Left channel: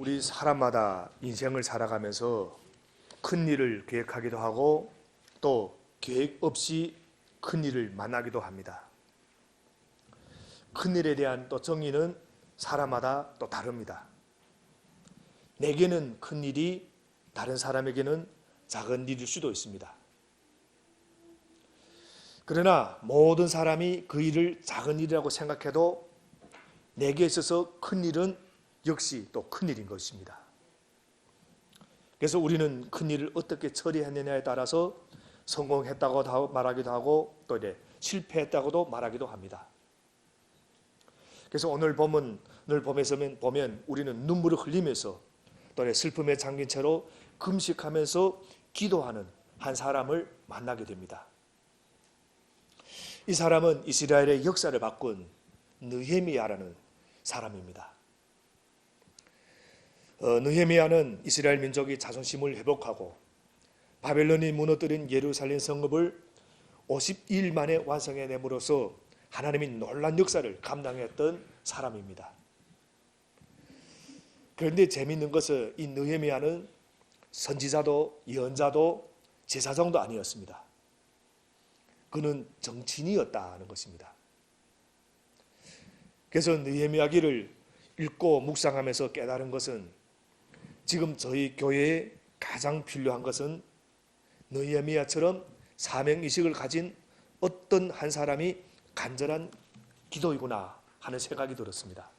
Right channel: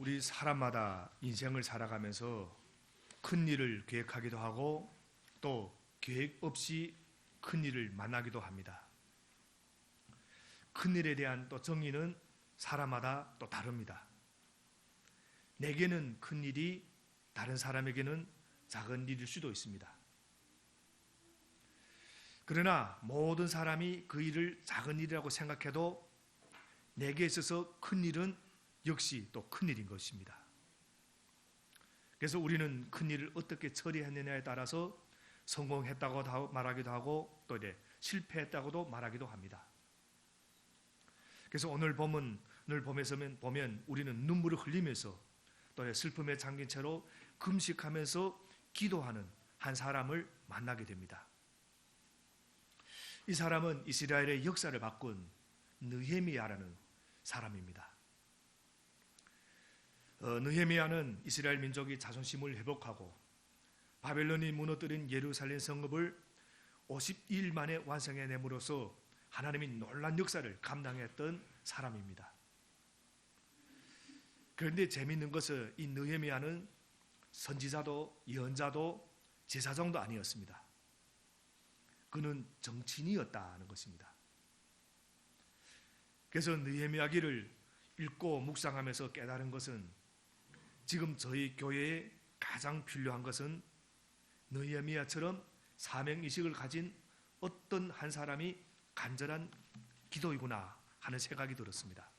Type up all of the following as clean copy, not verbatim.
우리 사람마다 인생을 살아가면서 큰 일을 계획하기도 하고 또 계획 없이 큰 일을 만나기도 합니다. 큰 일에 대한 또 정의는 사람마다 또 다릅니다. 내게는 큰 일이 다른 사람에게는 작은 일일 수도 있습니다. 그러나 모든 사람이 그 일을 작은 일이라고 생각해도 내게 있어서 큰 일은 역시 또 큰 일인 것입니다. 그래서 우리는 큰 일을 어떻게 처리했느냐에 따라서 성공했다고 말하기도 하고 또 이제 실패했다고도 말하기도 합니다. 그래서 오늘 본문을 보면 우리는 눈물을 흘리면서 또 슬픔에 잠긴 채로 금식하면서 기도하는 한 사람을 만나게 됩니다. 이 사람은 이스라엘의 역사를 바꾼 느헤미야라는 사람입니다. 느헤미야는 이스라엘 민족이 자존심을 회복하고 바벨론이 무너뜨린 예루살렘 성읍을 50일 만에 완성해냄으로써 하나님이 놀란 역사를 감당했던 사람입니다. 그런데 재미있는 것은 이 느헤미야는 선지자도 예언자도 제사장도 아니었습니다. 그는 정치인이었다는 것입니다. 그래서 느헤미야기를 읽고 묵상하면서 깨달은 것은 지금 저희 교회에 가장 필요한 것은 느헤미야처럼 사명의식을 가진 어떤 한 사람이 간절한 기도이구나 하는 생각이 들었습니다.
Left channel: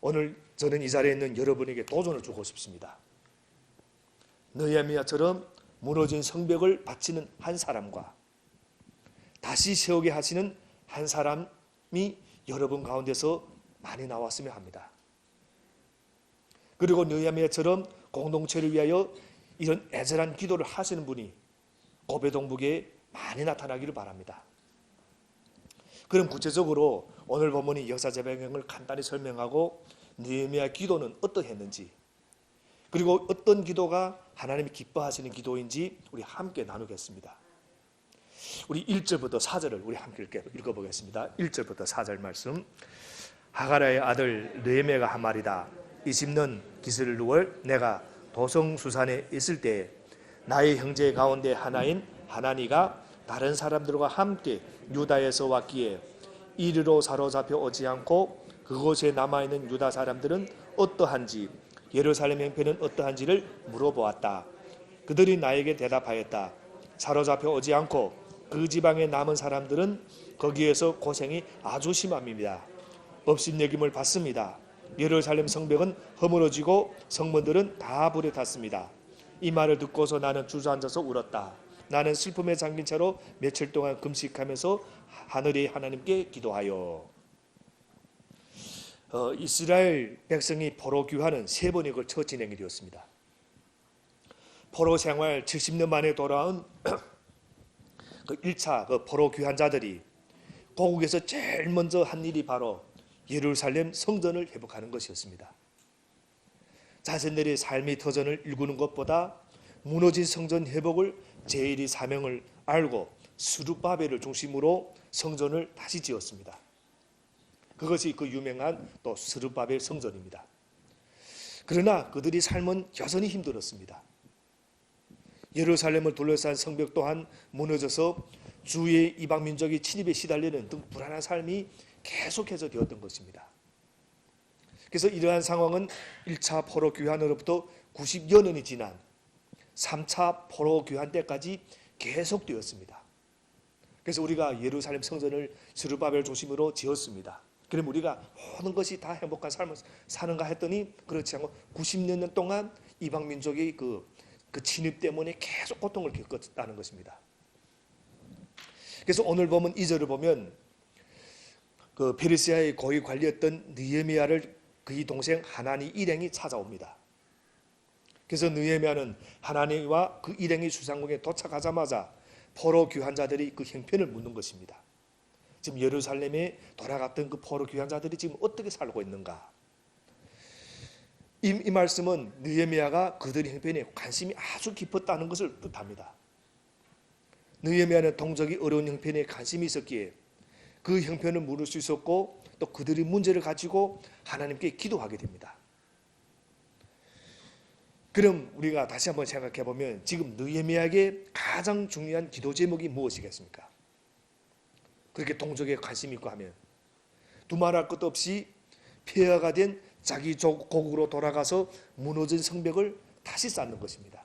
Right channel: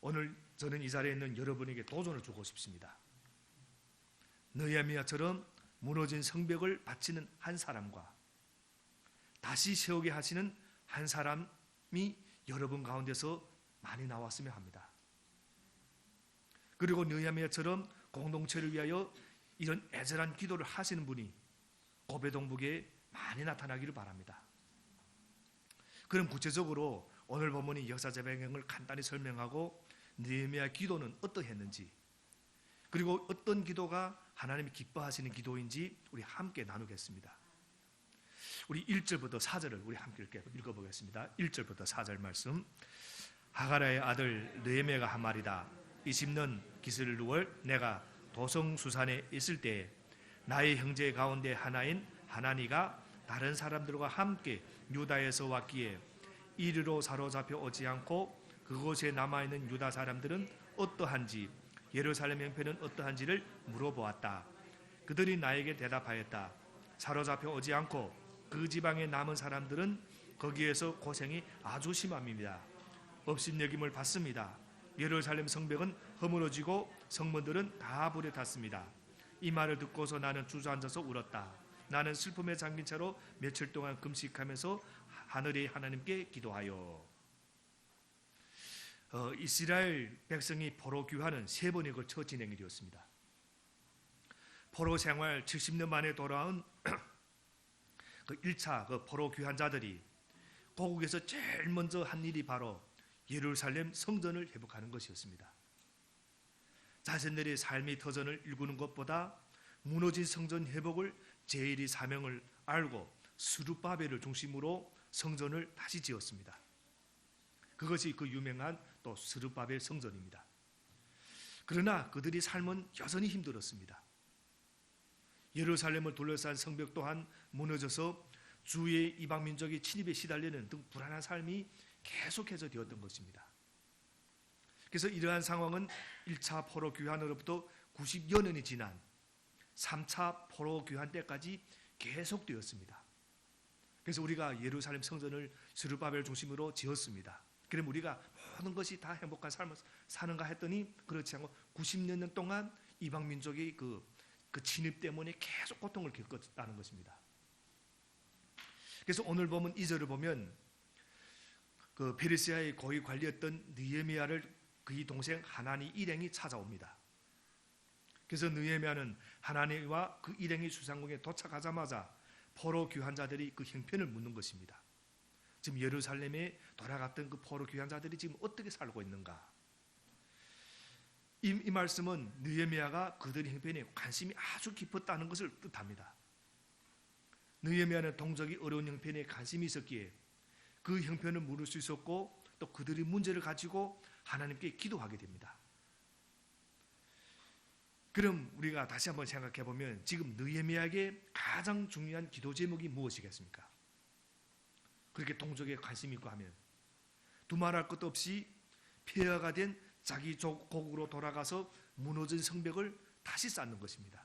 오늘 저는 이 자리에 있는 여러분에게 도전을 주고 싶습니다. 느헤미야처럼 무너진 성벽을 바치는 한 사람과 다시 세우게 하시는 한 사람이 여러분 가운데서 많이 나왔으면 합니다. 그리고 느헤미야처럼 공동체를 위하여 이런 애절한 기도를 하시는 분이 고베동북에 많이 나타나기를 바랍니다. 그럼 구체적으로 오늘 본문이 역사적 배경을 간단히 설명하고 느헤미야 기도는 어떠했는지 그리고 어떤 기도가 하나님이 기뻐하시는 기도인지 우리 함께 나누겠습니다. 우리 1절부터 4절을 우리 함께 읽어보겠습니다. 1절부터 4절 말씀. 하가라의 아들 느헤미야가 한 말이다. 20년 기슬 6월 내가 도성수산에 있을 때에 나의 형제 가운데 하나인 하나니가 다른 사람들과 함께 유다에서 왔기에 이리로 사로잡혀 오지 않고 그곳에 남아있는 유다 사람들은 어떠한지 예루살렘 형편은 어떠한지를 물어보았다. 그들이 나에게 대답하였다. 사로잡혀 오지 않고 그 지방에 남은 사람들은 거기에서 고생이 아주 심합니다. 업신여김을 받습니다. 예루살렘 성벽은 허물어지고 성문들은 다 불에 탔습니다. 이 말을 듣고서 나는 주저앉아서 울었다. 나는 슬픔에 잠긴 채로 며칠 동안 금식하면서 하늘의 하나님께 기도하여 이스라엘 백성이 포로 귀환은 3번에 걸쳐 진행이 되었습니다. 포로 생활 70년 만에 돌아온 그 1차 포로 귀환자들이 고국에서 제일 먼저 한 일이 바로 예루살렘 성전을 회복하는 것이었습니다. 자신들의 삶의 터전을 일구는 것보다 무너진 성전 회복을 제일의 사명을 알고 스룹바벨을 중심으로 성전을 다시 지었습니다. 그것이 그 유명한 또 스룹바벨 성전입니다. 그러나 그들이 삶은 여전히 힘들었습니다. 예루살렘을 둘러싼 성벽 또한 무너져서 주위의 이방 민족이 침입에 시달리는 등 불안한 삶이 계속해서 되었던 것입니다. 그래서 이러한 상황은 1차 포로 귀환으로부터 90여 년이 지난 3차 포로 귀환 때까지 계속되었습니다. 그래서 우리가 예루살렘 성전을 스룹바벨 중심으로 지었습니다. 그럼 우리가 모든 것이 다 행복한 삶을 사는가 했더니 그렇지 않고 90년 동안 이방 민족의 그 침입 때문에 계속 고통을 겪었다는 것입니다. 그래서 오늘 보면 2절을 보면 그 페르시아의 고위 관리였던 느헤미야를 그의 동생 하나니 일행이 찾아옵니다. 그래서 느헤미야는 하나니와 그 일행이 수상궁에 도착하자마자 포로 귀환자들이 그 형편을 묻는 것입니다. 지금 예루살렘에 돌아갔던 그 포로 귀환자들이 지금 어떻게 살고 있는가? 이 말씀은 느헤미야가 그들의 형편에 관심이 아주 깊었다는 것을 뜻합니다. 느헤미야는 동족이 어려운 형편에 관심이 있었기에 그 형편을 물을 수 있었고 또 그들의 문제를 가지고 하나님께 기도하게 됩니다. 그럼 우리가 다시 한번 생각해 보면 지금 느헤미야에게 가장 중요한 기도 제목이 무엇이겠습니까? 그렇게 동족에 관심 있고 하면 두말할 것도 없이 폐허가 된 자기 고국으로 돌아가서 무너진 성벽을 다시 쌓는 것입니다.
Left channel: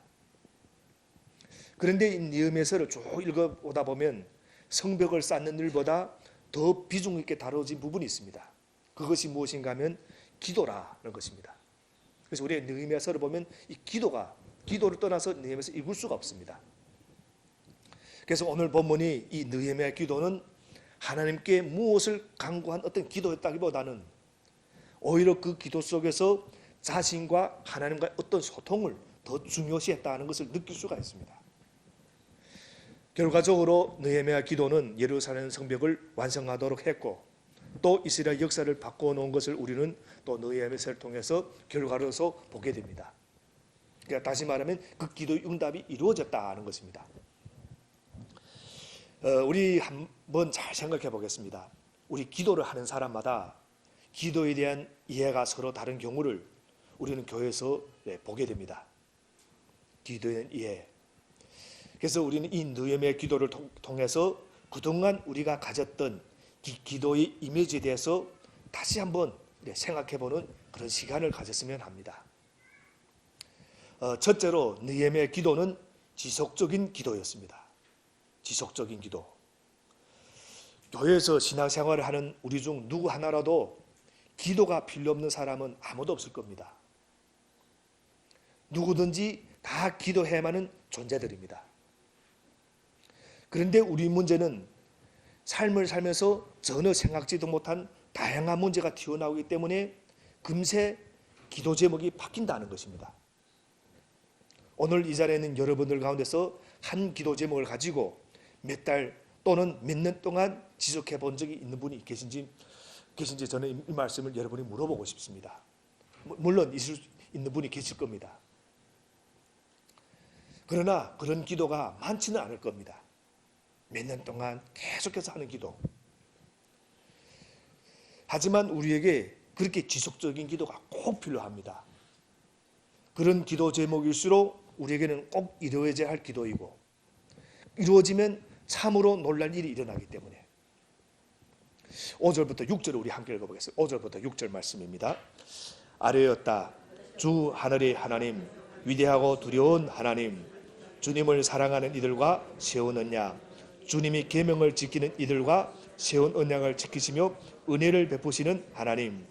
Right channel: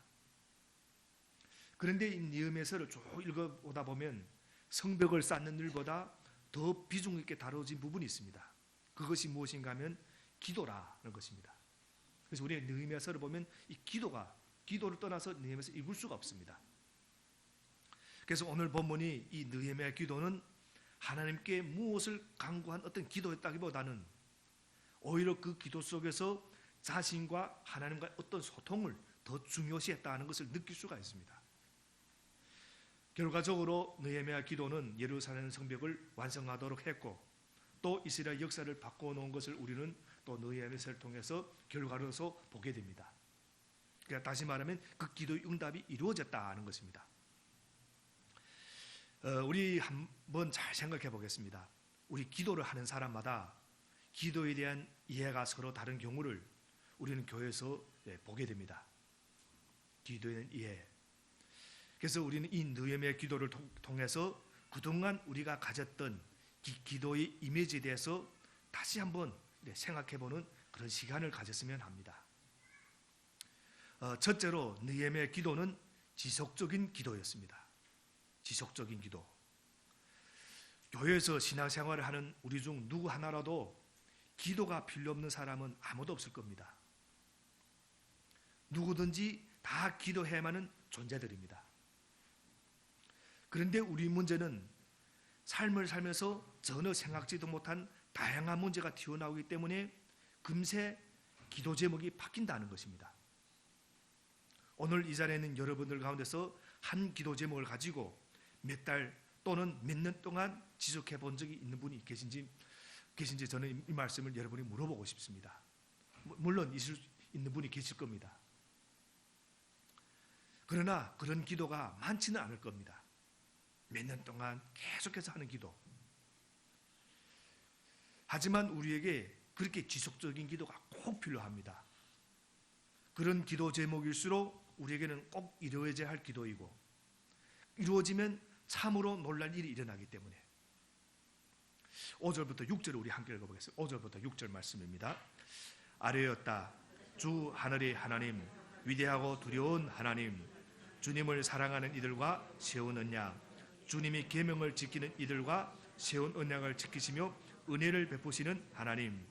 그런데 이 느헤미야서를 쭉 읽어보다 보면 성벽을 쌓는 일보다 더 비중 있게 다뤄진 부분이 있습니다. 그것이 무엇인가 하면 기도라는 것입니다. 그래서 우리가 느헤미야서를 보면 이 기도를 떠나서 느헤미야서 읽을 수가 없습니다. 그래서 오늘 본문이 이 느헤미야 기도는 하나님께 무엇을 간구한 어떤 기도였다기보다는 오히려 그 기도 속에서 자신과 하나님과의 어떤 소통을 더 중요시했다는 것을 느낄 수가 있습니다. 결과적으로 느헤미야 기도는 예루살렘 성벽을 완성하도록 했고 또 이스라엘 역사를 바꿔놓은 것을 우리는 또 느헤미야서를 통해서 결과로서 보게 됩니다. 그러니까 다시 말하면 그 기도의 응답이 이루어졌다는 것입니다. 우리 한번 잘 생각해 보겠습니다. 우리 기도를 하는 사람마다 기도에 대한 이해가 서로 다른 경우를 우리는 교회에서 보게 됩니다. 기도에 대한 이해. 그래서 우리는 이 느헤미야 기도를 통해서 그동안 우리가 가졌던 기도의 이미지에 대해서 다시 한번 생각해보는 그런 시간을 가졌으면 합니다. 첫째로 느헤미야 기도는 지속적인 기도였습니다. 지속적인 기도. 교회에서 신앙생활을 하는 우리 중 누구 하나라도 기도가 필요 없는 사람은 아무도 없을 겁니다. 누구든지 다 기도해야만 하는 존재들입니다. 그런데 우리 문제는 삶을 살면서 전혀 생각지도 못한 다양한 문제가 튀어나오기 때문에 금세 기도 제목이 바뀐다는 것입니다. 오늘 이 자리에 있는 여러분들 가운데서 한 기도 제목을 가지고 몇 달 또는 몇 년 동안 지속해 본 적이 있는 분이 계신지 저는 이 말씀을 여러분이 물어보고 싶습니다. 물론 있는 분이 계실 겁니다. 그러나 그런 기도가 많지는 않을 겁니다. 몇 년 동안 계속해서 하는 기도. 하지만 우리에게 그렇게 지속적인 기도가 꼭 필요합니다. 그런 기도 제목일수록 우리에게는 꼭 이루어져야 할 기도이고 이루어지면 참으로 놀랄 일이 일어나기 때문에 5절부터 6절을 우리 함께 읽어보겠습니다. 5절부터 6절 말씀입니다. 아뢰었다. 주 하늘의 하나님, 위대하고 두려운 하나님, 주님을 사랑하는 이들과 세운 언약, 주님이 계명을 지키는 이들과 세운 언약을 지키시며 은혜를 베푸시는 하나님,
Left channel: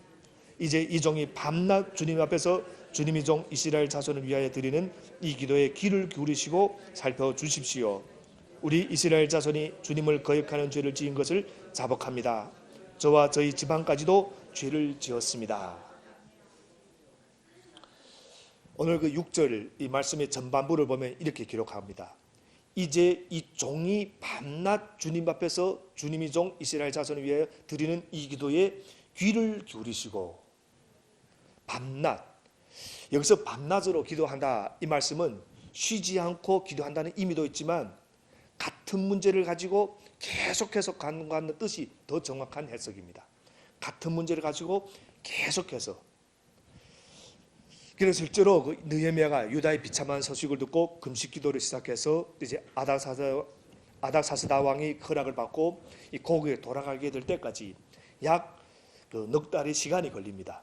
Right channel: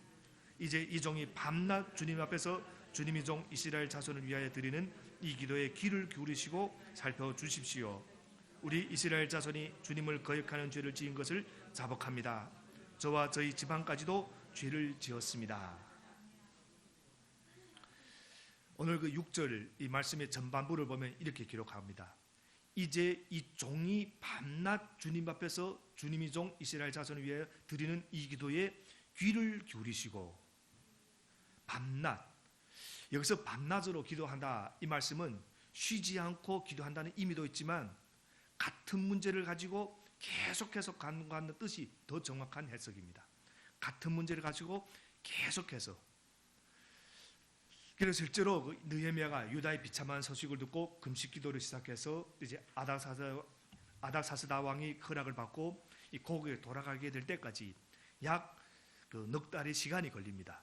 이제 이 종이 밤낮 주님 앞에서 주님의 종 이스라엘 자손을 위하여 드리는 이 기도에 귀를 기울이시고 살펴주십시오. 우리 이스라엘 자손이 주님을 거역하는 죄를 지은 것을 자복합니다. 저와 저희 집안까지도 죄를 지었습니다. 오늘 그 6절 이 말씀의 전반부를 보면 이렇게 기록합니다. 이제 이 종이 밤낮 주님 앞에서 주님의 종 이스라엘 자손을 위하여 드리는 이 기도에 귀를 기울이시고 밤낮, 여기서 밤낮으로 기도한다 이 말씀은 쉬지 않고 기도한다는 의미도 있지만 같은 문제를 가지고 계속해서 간구하는 뜻이 더 정확한 해석입니다. 같은 문제를 가지고 계속해서. 그래서 실제로 그 느헤미야가 유다의 비참한 소식을 듣고 금식 기도를 시작해서 이제 아닥사스다 왕이 허락을 받고 이 고국에 돌아가게 될 때까지 약 넉 달의 시간이 걸립니다.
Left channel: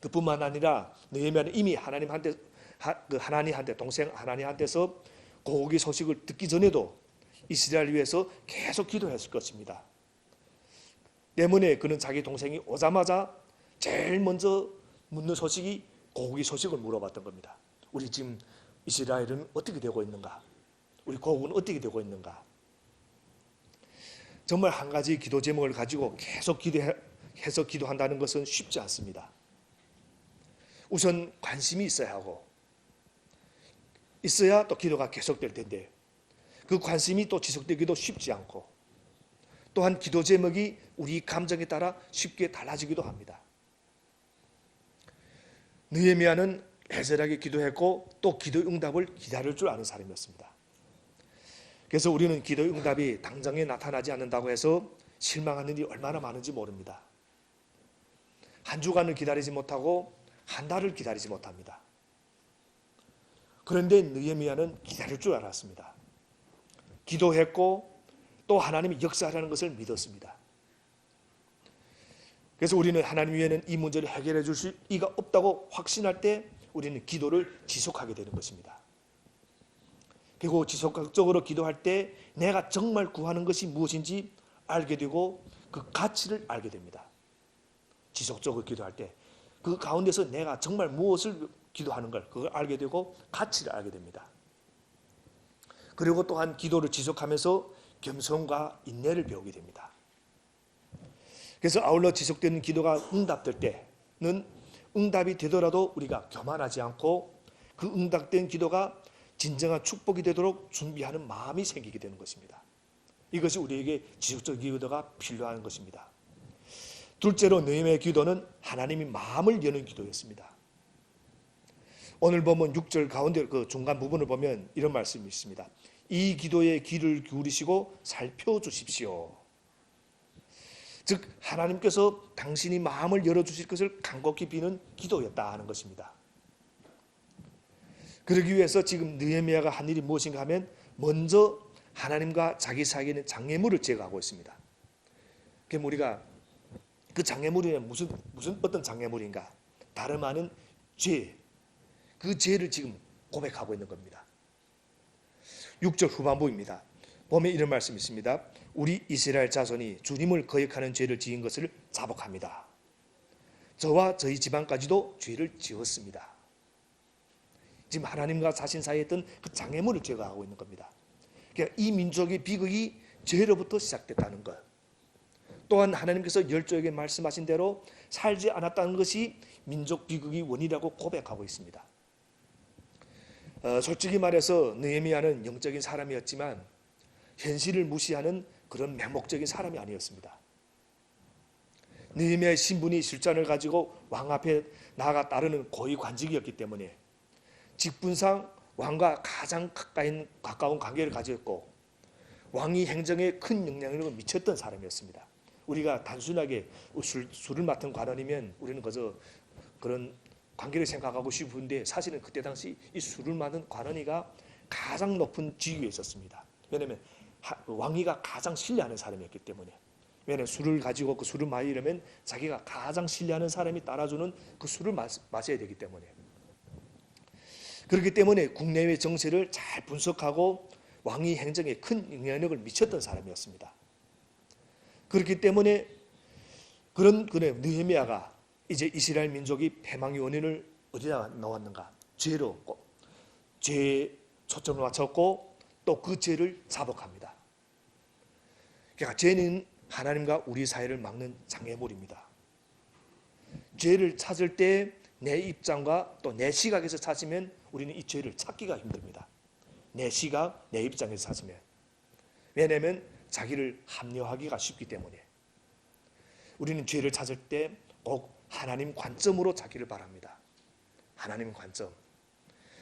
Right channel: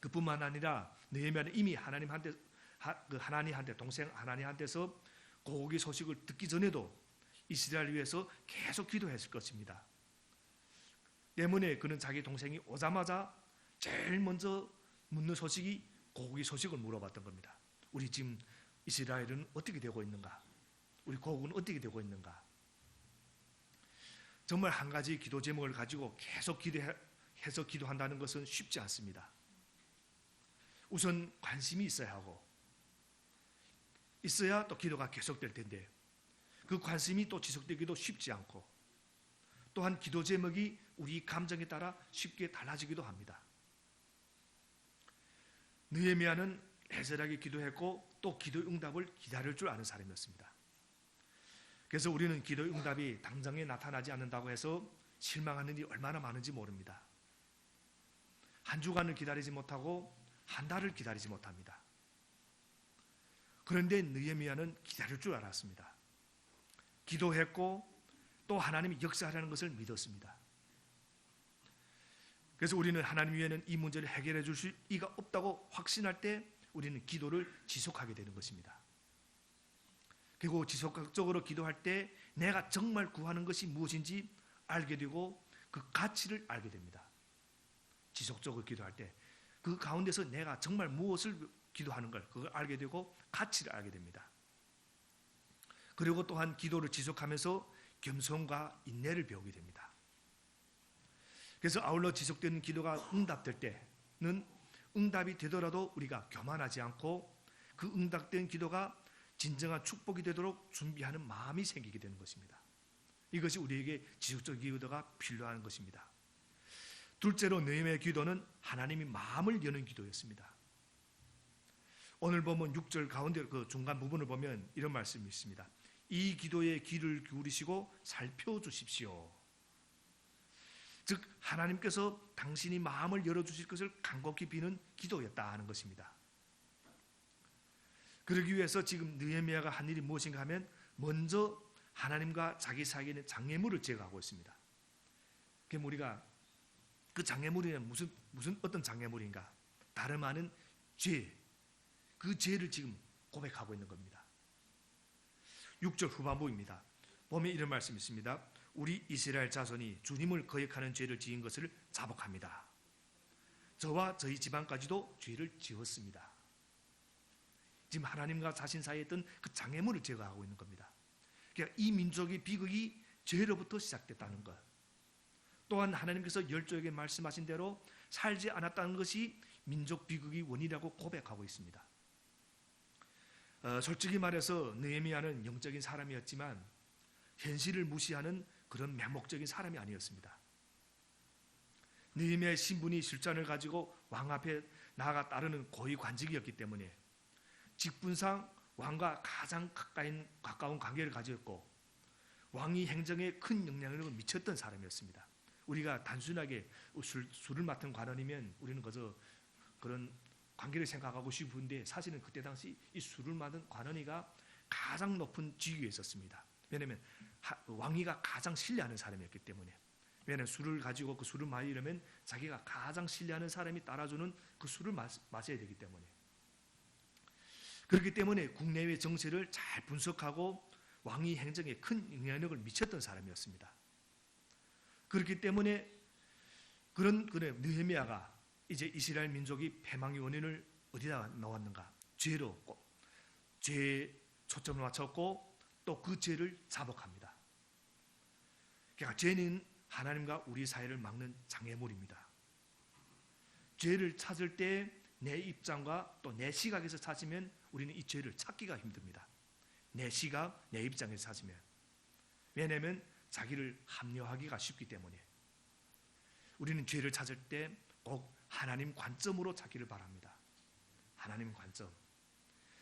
그뿐만 아니라 느헤미야는 이미 하나님한테 동생 하나님한테서 고국의 소식을 듣기 전에도 이스라엘 위해서 계속 기도했을 것입니다. 때문에 그는 자기 동생이 오자마자 제일 먼저 묻는 소식이 고국의 소식을 물어봤던 겁니다. 우리 지금 이스라엘은 어떻게 되고 있는가? 우리 고국은 어떻게 되고 있는가? 정말 한 가지 기도 제목을 가지고 계속 기도해서 기도한다는 것은 쉽지 않습니다. 우선 관심이 있어야 하고 있어야 또 기도가 계속될 텐데 그 관심이 또 지속되기도 쉽지 않고 또한 기도 제목이 우리 감정에 따라 쉽게 달라지기도 합니다. 느헤미야는 애절하게 기도했고 또 기도의 응답을 기다릴 줄 아는 사람이었습니다. 그래서 우리는 기도의 응답이 당장에 나타나지 않는다고 해서 실망하는 일이 얼마나 많은지 모릅니다. 한 주간을 기다리지 못하고 한 달을 기다리지 못합니다. 그런데 느헤미야는 기다릴 줄 알았습니다. 기도했고 또 하나님이 역사하라는 것을 믿었습니다. 그래서 우리는 하나님 외에는 이 문제를 해결해 주실 이가 없다고 확신할 때 우리는 기도를 지속하게 되는 것입니다. 그리고 지속적으로 기도할 때 내가 정말 구하는 것이 무엇인지 알게 되고 그 가치를 알게 됩니다. 지속적으로 기도할 때 그 가운데서 내가 정말 무엇을 기도하는 걸 그걸 알게 되고 가치를 알게 됩니다. 그리고 또한 기도를 지속하면서 겸손과 인내를 배우게 됩니다. 그래서 아울러 지속되는 기도가 응답될 때는 응답이 되더라도 우리가 교만하지 않고 그 응답된 기도가 진정한 축복이 되도록 준비하는 마음이 생기게 되는 것입니다. 이것이 우리에게 지속적 기도가 필요한 것입니다. 둘째로 느헤미야의 기도는 하나님이 마음을 여는 기도였습니다. 오늘 보면 6절 가운데 그 중간 부분을 보면 이런 말씀이 있습니다. 이 기도에 귀를 기울이시고 살펴주십시오. 즉 하나님께서 당신이 마음을 열어주실 것을 간곡히 비는 기도였다 하는 것입니다. 그러기 위해서 지금 느헤미야가 한 일이 무엇인가 하면 먼저 하나님과 자기 사이에 있는 장애물을 제거하고 있습니다. 그럼 우리가 그 장애물이란 무슨 어떤 장애물인가? 다름 아닌 죄, 그 죄를 지금 고백하고 있는 겁니다. 6절 후반부입니다. 보면 이런 말씀이 있습니다. 우리 이스라엘 자손이 주님을 거역하는 죄를 지은 것을 자복합니다. 저와 저희 집안까지도 죄를 지었습니다. 지금 하나님과 자신 사이에 있던 그 장애물을 제거하고 있는 겁니다. 그러니까 이 민족의 비극이 죄로부터 시작됐다는 것. 또한 하나님께서 열조에게 말씀하신 대로 살지 않았다는 것이 민족 비극의 원인이라고 고백하고 있습니다. 솔직히 말해서 느헤미야는 영적인 사람이었지만 현실을 무시하는 그런 맹목적인 사람이 아니었습니다. 느헤미야의 신분이 실전을 가지고 왕 앞에 나아가 따르는 고위 관직이었기 때문에 직분상 왕과 가장 가까운 관계를 가졌고 왕이 행정에 큰 영향력을 미쳤던 사람이었습니다. 우리가 단순하게 술을 맡은 관원이면 우리는 그저 그런 관계를 생각하고 싶은데 사실은 그때 당시 이 술을 맡은 관원이가 가장 높은 지위에 있었습니다. 왜냐하면 왕위가 가장 신뢰하는 사람이었기 때문에. 왜냐하면 술을 가지고 그 술을 마시려면 자기가 가장 신뢰하는 사람이 따라주는 그 술을 마셔야 되기 때문에. 그렇기 때문에 국내외 정세를 잘 분석하고 왕위 행정에 큰 영향력을 미쳤던 사람이었습니다. 그렇기 때문에 그런 느헤미야가 이제 이스라엘 민족이 패망의 원인을 어디다 놓았는가? 죄로 죄에 초점을 맞췄고 또 그 죄를 자복합니다. 그러니까 죄는 하나님과 우리 사이를 막는 장애물입니다. 죄를 찾을 때 내 입장과 또 내 시각에서 찾으면 우리는 이 죄를 찾기가 힘듭니다. 내 시각, 내 입장에서 찾으면. 왜냐하면 자기를 합리화하기가 쉽기 때문에. 우리는 죄를 찾을 때 꼭 하나님 관점으로 찾기를 바랍니다. 하나님 관점.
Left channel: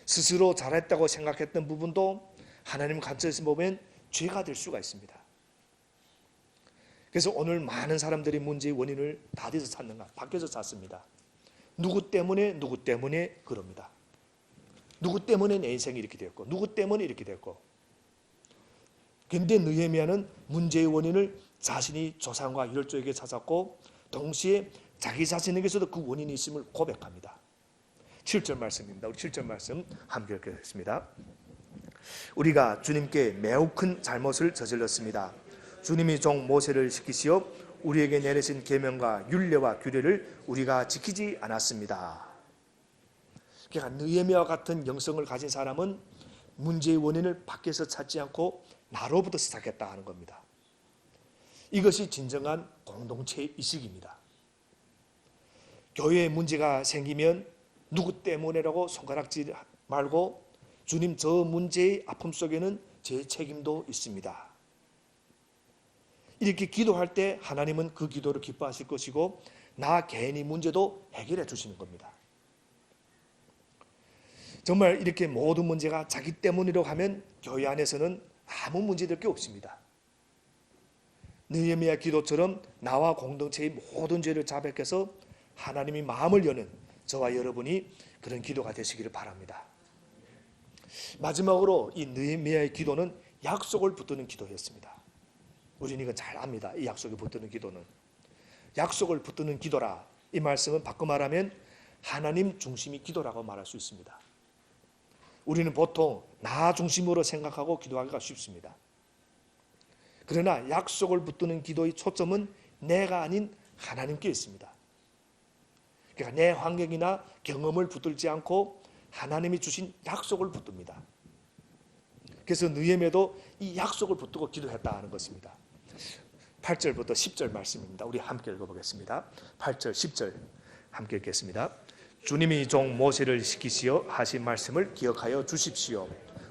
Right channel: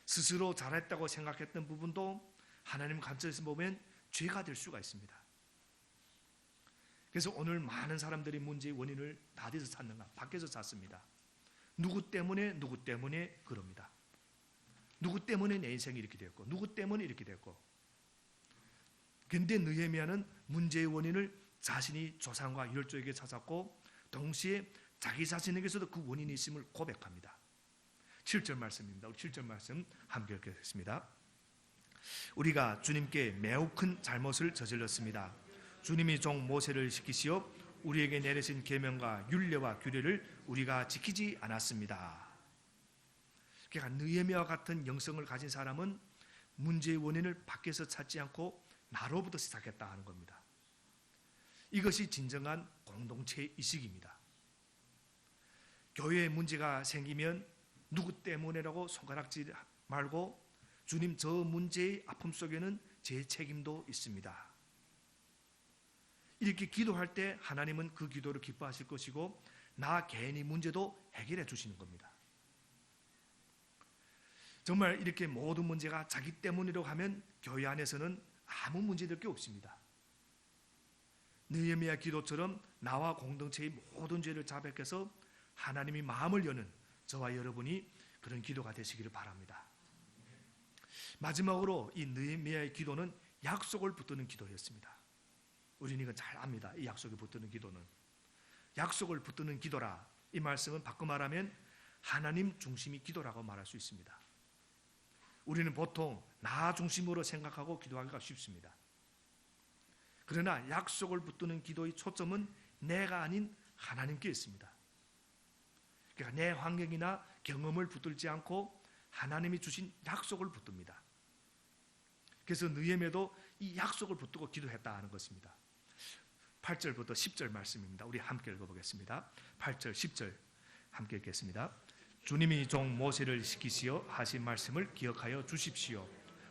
스스로 잘했다고 생각했던 부분도 하나님 관점에서 보면 죄가 될 수가 있습니다. 그래서 오늘 많은 사람들이 문제의 원인을 어디서 찾는가? 밖에서 찾습니다. 누구 때문에 그럽니다. 누구 때문에 내 인생이 이렇게 됐고 누구 때문에 이렇게 됐고. 그런데 느헤미야는 문제의 원인을 자신이 조상과 열조에게 찾았고 동시에 자기 자신에게서도 그 원인이 있음을 고백합니다. 7절 말씀입니다. 우리 7절 말씀 함께 읽겠습니다. 우리가 주님께 매우 큰 잘못을 저질렀습니다. 주님이 종 모세를 시키시어 우리에게 내리신 계명과 율례와 규례를 우리가 지키지 않았습니다. 그러니까 느헤미야와 같은 영성을 가진 사람은 문제의 원인을 밖에서 찾지 않고 나로부터 시작했다 하는 겁니다. 이것이 진정한 공동체 의식입니다. 교회에 문제가 생기면 누구 때문에라고 손가락질 말고 주님 저 문제의 아픔 속에는 제 책임도 있습니다. 이렇게 기도할 때 하나님은 그 기도를 기뻐하실 것이고 나 개인의 문제도 해결해 주시는 겁니다. 정말 이렇게 모든 문제가 자기 때문이라고 하면 교회 안에서는 아무 문제될 게 없습니다. 느헤미야 기도처럼 나와 공동체의 모든 죄를 자백해서 하나님이 마음을 여는 저와 여러분이 그런 기도가 되시기를 바랍니다. 마지막으로 이 느헤미야의 기도는 약속을 붙드는 기도였습니다. 우리는 이건 잘 압니다. 이 약속을 붙드는 기도는 약속을 붙드는 기도라. 이 말씀은 바꿔 말하면 하나님 중심이 기도라고 말할 수 있습니다. 우리는 보통 나 중심으로 생각하고 기도하기가 쉽습니다. 그러나 약속을 붙드는 기도의 초점은 내가 아닌 하나님께 있습니다. 그러니까 내 환경이나 경험을 붙들지 않고 하나님이 주신 약속을 붙듭니다. 그래서 느헤미야도 이 약속을 붙들고 기도했다는 것입니다. 8절부터 10절 말씀입니다. 우리 함께 읽어보겠습니다. 8절 10절 함께 읽겠습니다. 주님이 종 모세를 시키시어 하신 말씀을 기억하여 주십시오.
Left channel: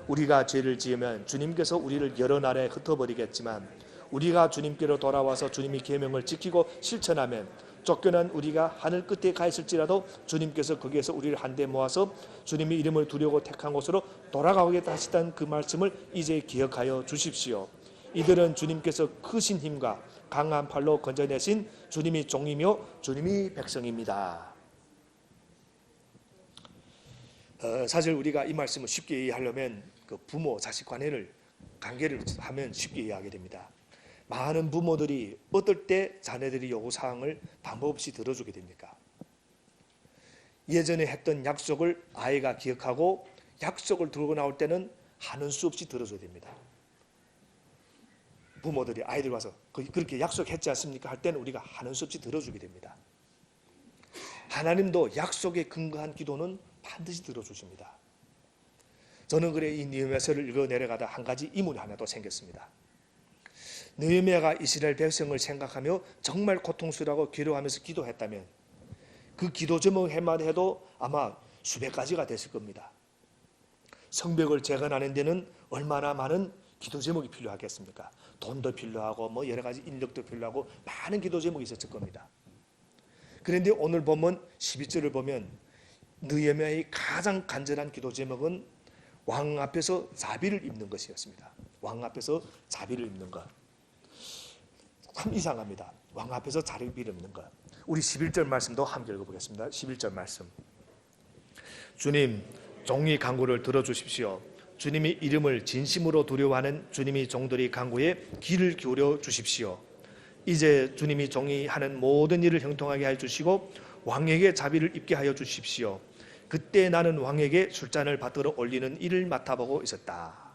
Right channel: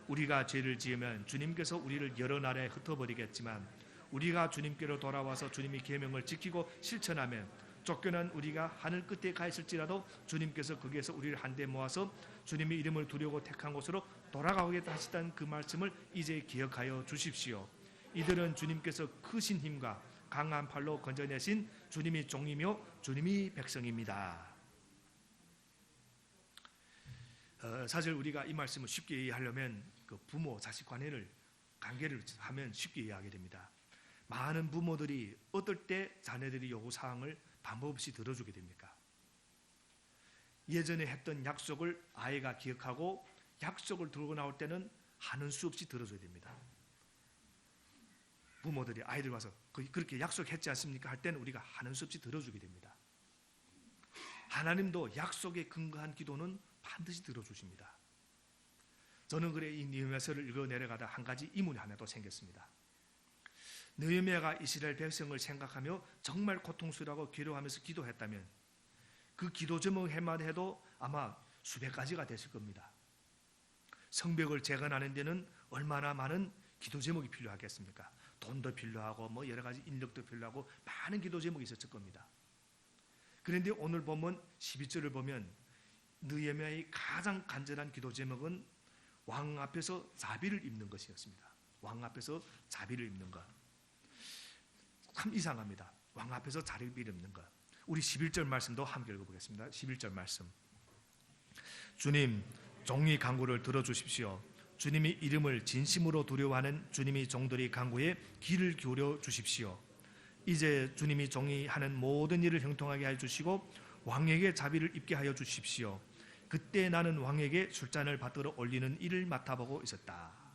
우리가 죄를 지으면 주님께서 우리를 여러 나라에 흩어버리겠지만 우리가 주님께로 돌아와서 주님의 계명을 지키고 실천하면 쫓겨난 우리가 하늘 끝에 가 있을지라도 주님께서 거기에서 우리를 한데 모아서 주님의 이름을 두려고 택한 곳으로 돌아가겠다 하시던 그 말씀을 이제 기억하여 주십시오. 이들은 주님께서 크신 힘과 강한 팔로 건져내신 주님이 종이며 주님이 백성입니다. 사실 우리가 이 말씀을 쉽게 이해하려면 그 부모 자식 관계를 하면 쉽게 이해하게 됩니다. 많은 부모들이 어떨 때 자녀들이 요구사항을 방법 없이 들어주게 됩니까? 예전에 했던 약속을 아이가 기억하고 약속을 들고 나올 때는 하는 수 없이 들어줘야 됩니다. 부모들이 아이들 와서 그렇게 약속했지 않습니까? 할 때는 우리가 하는 수 없이 들어주게 됩니다. 하나님도 약속에 근거한 기도는 반드시 들어주십니다. 저는 그래 이 느헤미야서를 읽어 내려가다 한 가지 의문이 하나 또 생겼습니다. 느헤미야가 이스라엘 백성을 생각하며 정말 고통스러워하고 괴로워하면서 기도했다면 그 기도 제목만 해도 아마 수백 가지가 됐을 겁니다. 성벽을 재건하는 데는 얼마나 많은 기도 제목이 필요하겠습니까? 돈도 필요하고 뭐 여러 가지 인력도 필요하고 많은 기도 제목이 있었을 겁니다. 그런데 오늘 보면 12절을 보면 느헤미야의 가장 간절한 기도 제목은 왕 앞에서 자비를 입는 것이었습니다. 왕 앞에서 자비를 입는 것. 참 이상합니다. 왕 앞에서 자비를 입는 것. 우리 11절 말씀도 함께 읽어보겠습니다. 11절 말씀. 주님, 종이 간구를 들어주십시오. 주님이 이름을 진심으로 두려워하는 주님이 종들이 간구에 귀를 기울여 주십시오. 이제 주님이 종이 하는 모든 일을 형통하게 해 주시고 왕에게 자비를 입게 하여 주십시오. 그때 나는 왕에게 술잔을 받들어 올리는 일을 맡아보고 있었다.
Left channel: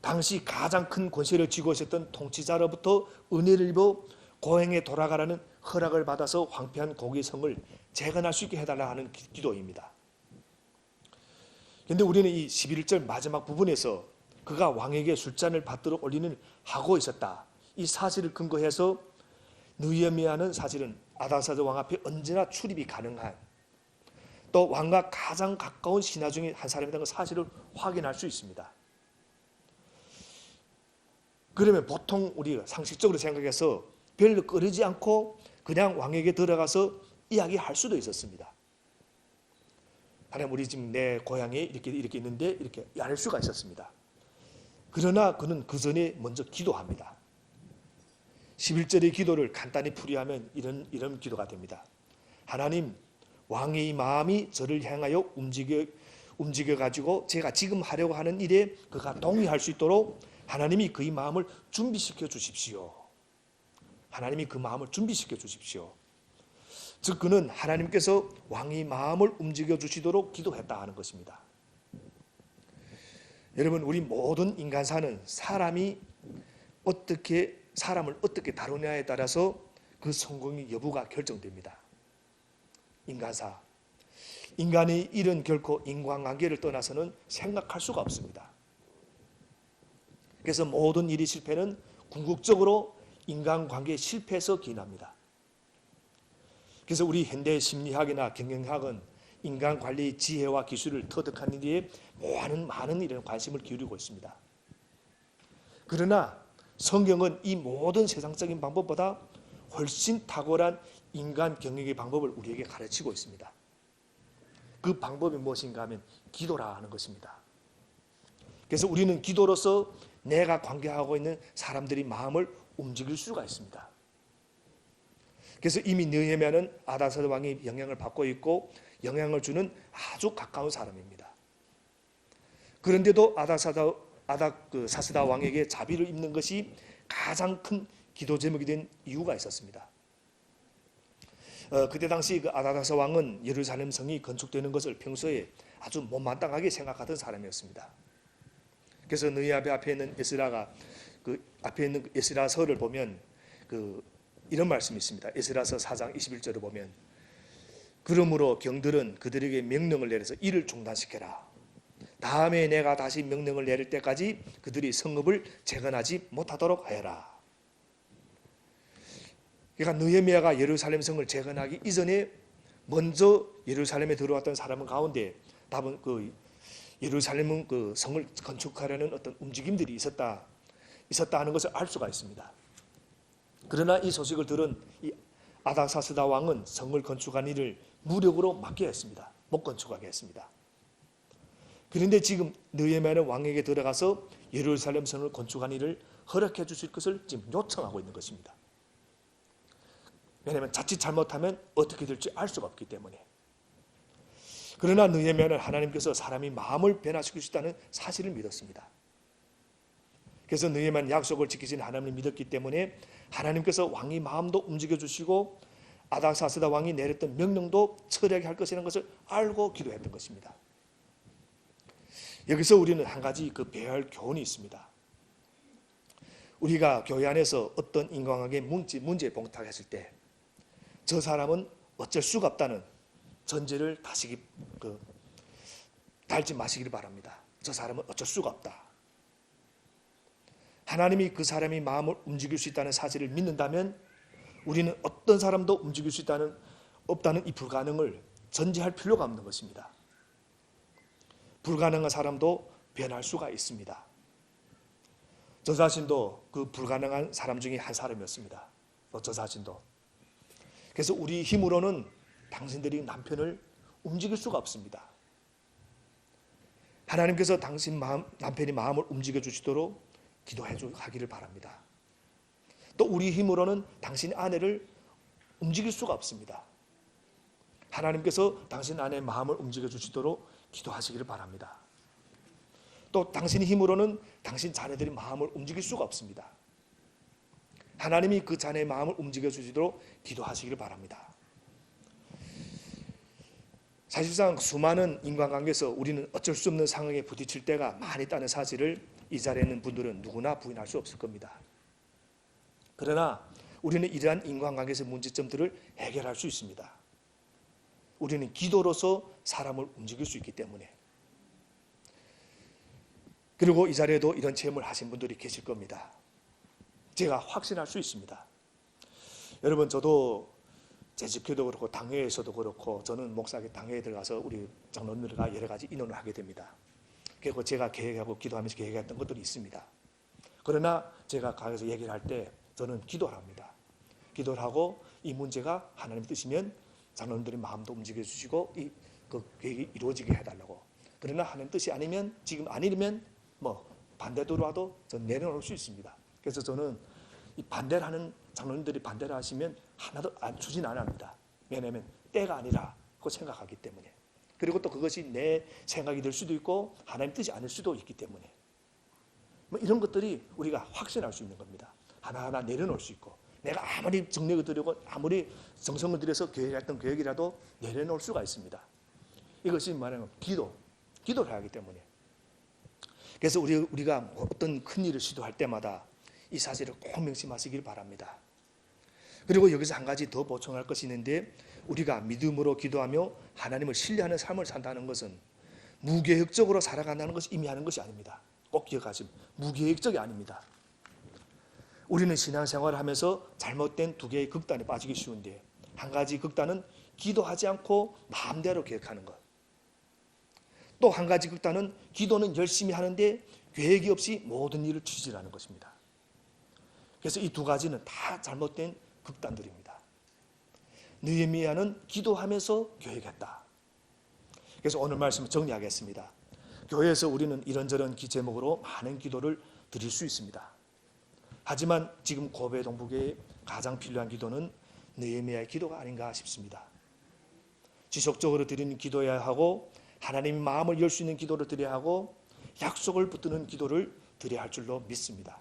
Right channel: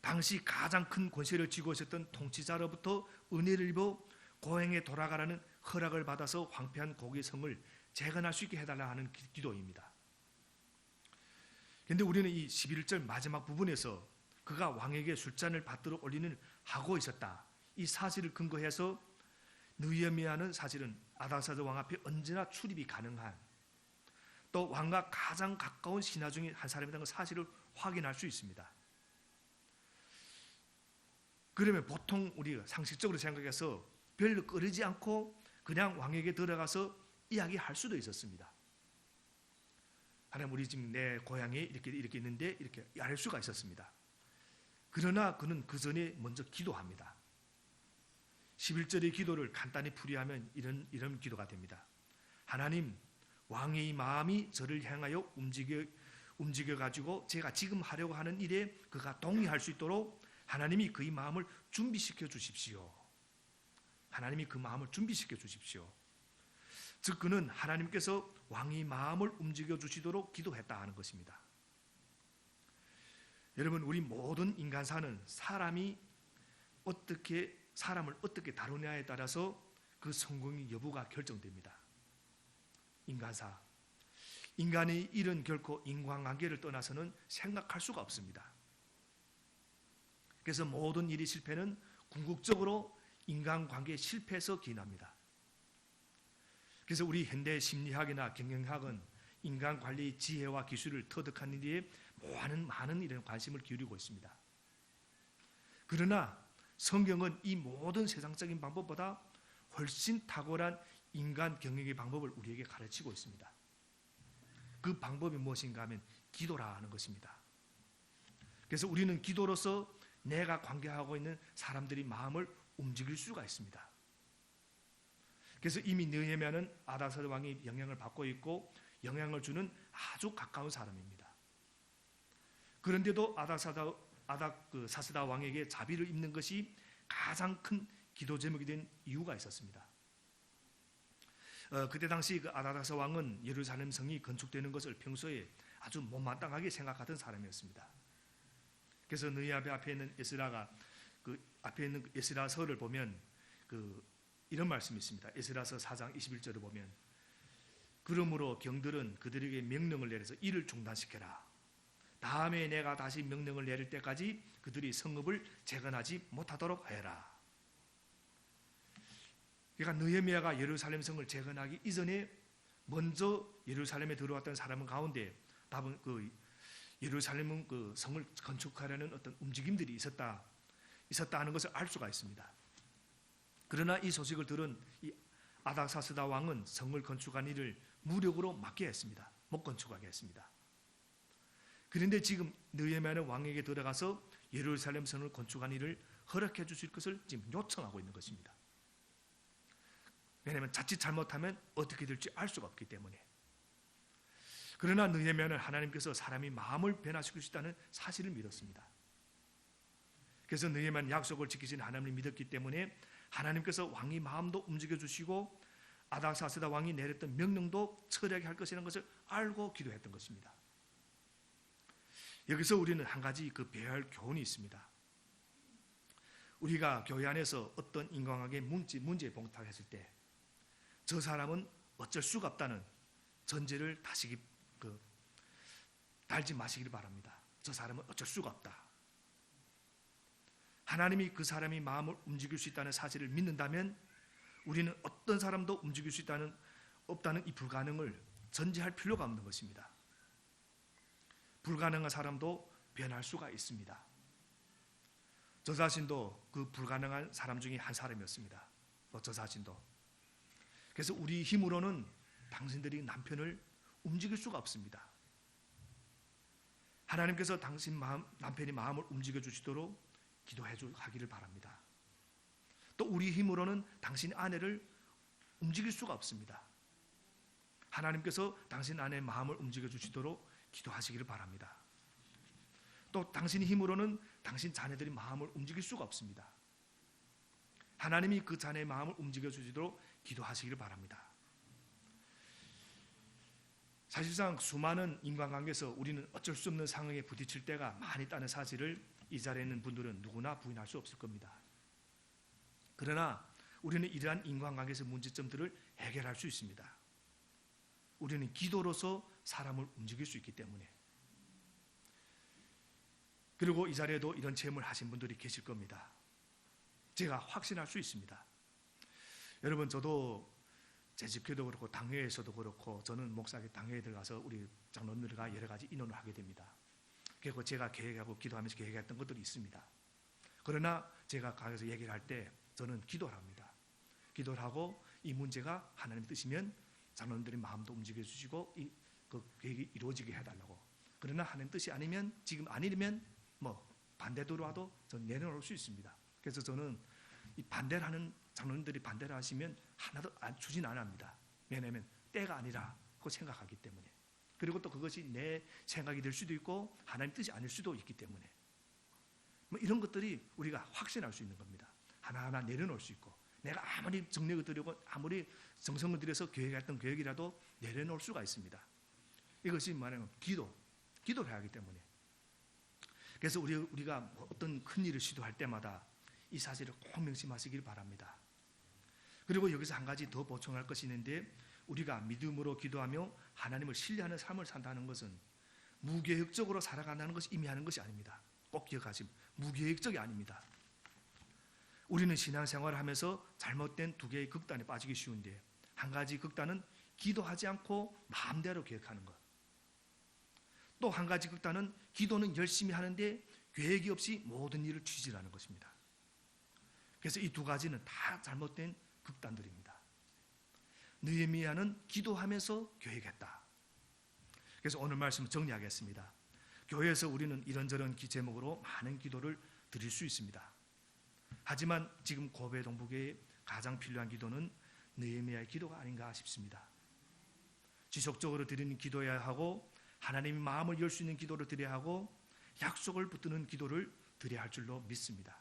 당시 가장 큰 권세를 쥐고 있었던 통치자로부터 은혜를 입어 고행에 돌아가라는 허락을 받아서 황폐한 고기성을 재건할 수 있게 해달라 하는 기도입니다. 그런데 우리는 이 11절 마지막 부분에서 그가 왕에게 술잔을 받들어 올리는 하고 있었다. 이 사실을 근거해서 느헤미야는 사실은 아닥사스다 왕 앞에 언제나 출입이 가능한 또 왕과 가장 가까운 신하 중에 한 사람이라는 사실을 확인할 수 있습니다. 그러면 보통 우리가 상식적으로 생각해서 별로 꺼리지 않고 그냥 왕에게 들어가서 이야기할 수도 있었습니다. 하나님 우리 지금 내 고향에 이렇게 있는데 이렇게 알 수가 있었습니다. 그러나 그는 그 전에 먼저 기도합니다. 11절의 기도를 간단히 풀이하면 이런 기도가 됩니다. 하나님, 왕의 마음이 저를 향하여 움직여 가지고 제가 지금 하려고 하는 일에 그가 동의할 수 있도록 하나님이 그의 마음을 준비시켜 주십시오. 하나님이 그 마음을 준비시켜 주십시오. 즉 그는 하나님께서 왕의 마음을 움직여 주시도록 기도했다 하는 것입니다. 여러분, 우리 모든 인간사는 사람을 어떻게 다루냐에 따라서 그 성공의 여부가 결정됩니다. 인간사, 인간의 일은 결코 인간관계를 떠나서는 생각할 수가 없습니다. 그래서 모든 일이 실패는 궁극적으로 인간관계의 실패에서 기인합니다. 그래서 우리 현대 심리학이나 경영학은 인간관리의 지혜와 기술을 터득하는 일에 많은 이런 관심을 기울이고 있습니다. 그러나 성경은 이 모든 세상적인 방법보다 훨씬 탁월한 인간 경영의 방법을 우리에게 가르치고 있습니다. 그 방법이 무엇인가 하면 기도라 하는 것입니다. 그래서 우리는 기도로서 내가 관계하고 있는 사람들의 마음을 움직일 수가 있습니다. 그래서 이미 느헤미야는 아닥사스다 왕의 영향을 받고 있고 영향을 주는 아주 가까운 사람입니다. 그런데도 아닥사스다 왕에게 자비를 입는 것이 가장 큰 기도 제목이 된 이유가 있었습니다. 그때 당시 그 아닥사스 왕은 예루살렘 성이 건축되는 것을 평소에 아주 못마땅하게 생각하던 사람이었습니다. 그래서 느헤미야 앞에 있는 에스라가 그 앞에 있는 에스라서를 보면 이런 말씀이 있습니다. 에스라서 4장 21절을 보면 그러므로 경들은 그들에게 명령을 내려서 일을 중단시켜라. 다음에 내가 다시 명령을 내릴 때까지 그들이 성읍을 재건하지 못하도록 하여라. 그러니까 느헤미야가 예루살렘 성을 재건하기 이전에 먼저 예루살렘에 들어왔던 사람 가운데 답은 예루살렘은 그 성을 건축하려는 어떤 움직임들이 있었다 하는 것을 알 수가 있습니다. 그러나 이 소식을 들은 이 아닥사스다 왕은 성을 건축한 일을 무력으로 막게 했습니다. 못 건축하게 했습니다. 그런데 지금 느헤미야는 왕에게 들어가서 예루살렘 성을 건축한 일을 허락해 주실 것을 지금 요청하고 있는 것입니다. 왜냐하면 자칫 잘못하면 어떻게 될지 알 수가 없기 때문에. 그러나 느헤미야는 하나님께서 사람이 마음을 변화시킬 수 있다는 사실을 믿었습니다. 그래서 느헤미야는 약속을 지키신 하나님을 믿었기 때문에 하나님께서 왕의 마음도 움직여 주시고 아닥사스다 왕이 내렸던 명령도 철회하게 할 것이라는 것을 알고 기도했던 것입니다. 여기서 우리는 한 가지 배워야 할 교훈이 있습니다. 우리가 교회 안에서 어떤 인간관계 문제에 봉착했을 때 저 사람은 어쩔 수가 없다는 전제를 다시 달지 마시길 바랍니다. 저 사람은 어쩔 수가 없다. 하나님이 그 사람의 마음을 움직일 수 있다는 사실을 믿는다면 우리는 어떤 사람도 움직일 수 없다는 이 불가능을 전제할 필요가 없는 것입니다. 불가능한 사람도 변할 수가 있습니다. 저 자신도 그 불가능한 사람 중에 한 사람이었습니다. 저 자신도. 그래서 우리 힘으로는 당신들이 남편을 움직일 수가 없습니다. 하나님께서 남편이 마음을 움직여 주시도록 기도해 하기를 바랍니다. 또 우리 힘으로는 당신 아내를 움직일 수가 없습니다. 하나님께서 당신 아내의 마음을 움직여 주시도록 기도하시기를 바랍니다. 또 당신의 힘으로는 당신 자녀들의 마음을 움직일 수가 없습니다. 하나님이 그 자녀의 마음을 움직여 주시도록 기도하시기를 바랍니다. 사실상 수많은 인간관계에서 우리는 어쩔 수 없는 상황에 부딪힐 때가 많이 있다는 사실을 이 자리에 있는 분들은 누구나 부인할 수 없을 겁니다. 그러나 우리는 이러한 인간관계에서 문제점들을 해결할 수 있습니다. 우리는 기도로서 사람을 움직일 수 있기 때문에. 그리고 이 자리에도 이런 체험을 하신 분들이 계실 겁니다. 제가 확신할 수 있습니다. 여러분, 저도 재직회도 그렇고 당회에서도 그렇고 저는 목사의 당회에 들어가서 우리 장로님들과 여러 가지 인원을 하게 됩니다. 그리고 제가 계획하고 기도하면서 계획했던 것들이 있습니다. 그러나 제가 가서 얘기를 할 때 저는 기도를 합니다. 기도를 하고 이 문제가 하나님 뜻이면 장로님들의 마음도 움직여 주시고 그 계획이 이루어지게 해달라고. 그러나 하나님 뜻이 아니면, 지금 아니면 반대로 와도 저는 내려놓을 수 있습니다. 그래서 저는 이 반대를 하는 장로님들이 반대를 하시면 하나도 추진 안 합니다. 왜냐하면 때가 아니라고 생각하기 때문에. 그리고 또 그것이 내 생각이 될 수도 있고 하나님 뜻이 아닐 수도 있기 때문에. 이런 것들이 우리가 확신할 수 있는 겁니다. 하나하나 내려놓을 수 있고, 내가 아무리 정력을 들이고 아무리 정성을 들여서 계획했던 계획이라도 내려놓을 수가 있습니다. 이것이 말하면 기도를 해야 하기 때문에. 그래서 우리가 어떤 큰 일을 시도할 때마다 이 사실을 꼭 명심하시길 바랍니다. 그리고 여기서 한 가지 더 보충할 것이 있는데, 우리가 믿음으로 기도하며 하나님을 신뢰하는 삶을 산다는 것은 무계획적으로 살아간다는 것이 의미하는 것이 아닙니다. 꼭 기억하시면 무계획적이 아닙니다. 우리는 신앙생활을 하면서 잘못된 두 개의 극단에 빠지기 쉬운데, 한 가지 극단은 기도하지 않고 마음대로 계획하는 것. 또 한 가지 극단은 기도는 열심히 하는데 계획이 없이 모든 일을 취질하는 것입니다. 그래서 이 두 가지는 다 잘못된 극단들입니다. 느헤미야는 기도하면서 계획했다. 그래서 오늘 말씀을 정리하겠습니다. 교회에서 우리는 이런저런 제목으로 많은 기도를 드릴 수 있습니다. 하지만 지금 고베 동북에 가장 필요한 기도는 느헤미야의 기도가 아닌가 싶습니다. 지속적으로 드리는 기도해야 하고, 하나님의 마음을 열 수 있는 기도를 드려야 하고, 약속을 붙드는 기도를 드려야 할 줄로 믿습니다.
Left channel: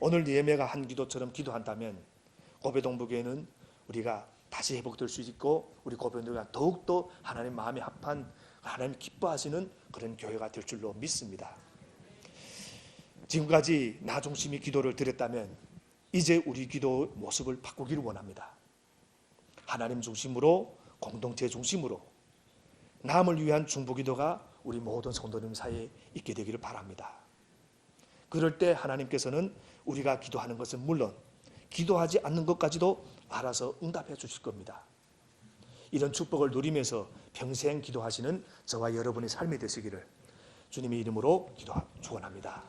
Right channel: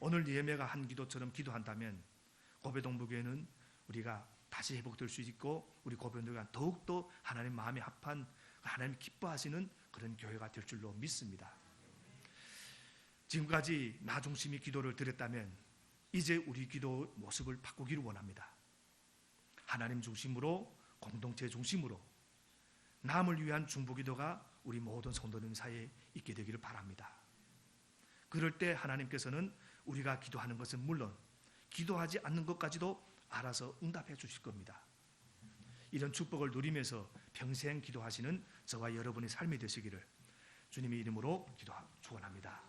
오늘 느헤미야가 한 기도처럼 기도한다면 고베동부교회는 우리가 다시 회복될 수 있고 우리 고베동부교회가 더욱더 하나님 마음에 합한 하나님 기뻐하시는 그런 교회가 될 줄로 믿습니다. 지금까지 나 중심의 기도를 드렸다면 이제 우리 기도 모습을 바꾸기를 원합니다. 하나님 중심으로, 공동체 중심으로 남을 위한 중보기도가 우리 모든 성도님 사이에 있게 되기를 바랍니다. 그럴 때 하나님께서는 우리가 기도하는 것은 물론 기도하지 않는 것까지도 알아서 응답해 주실 겁니다. 이런 축복을 누리면서 평생 기도하시는 저와 여러분의 삶이 되시기를 주님의 이름으로 축원합니다.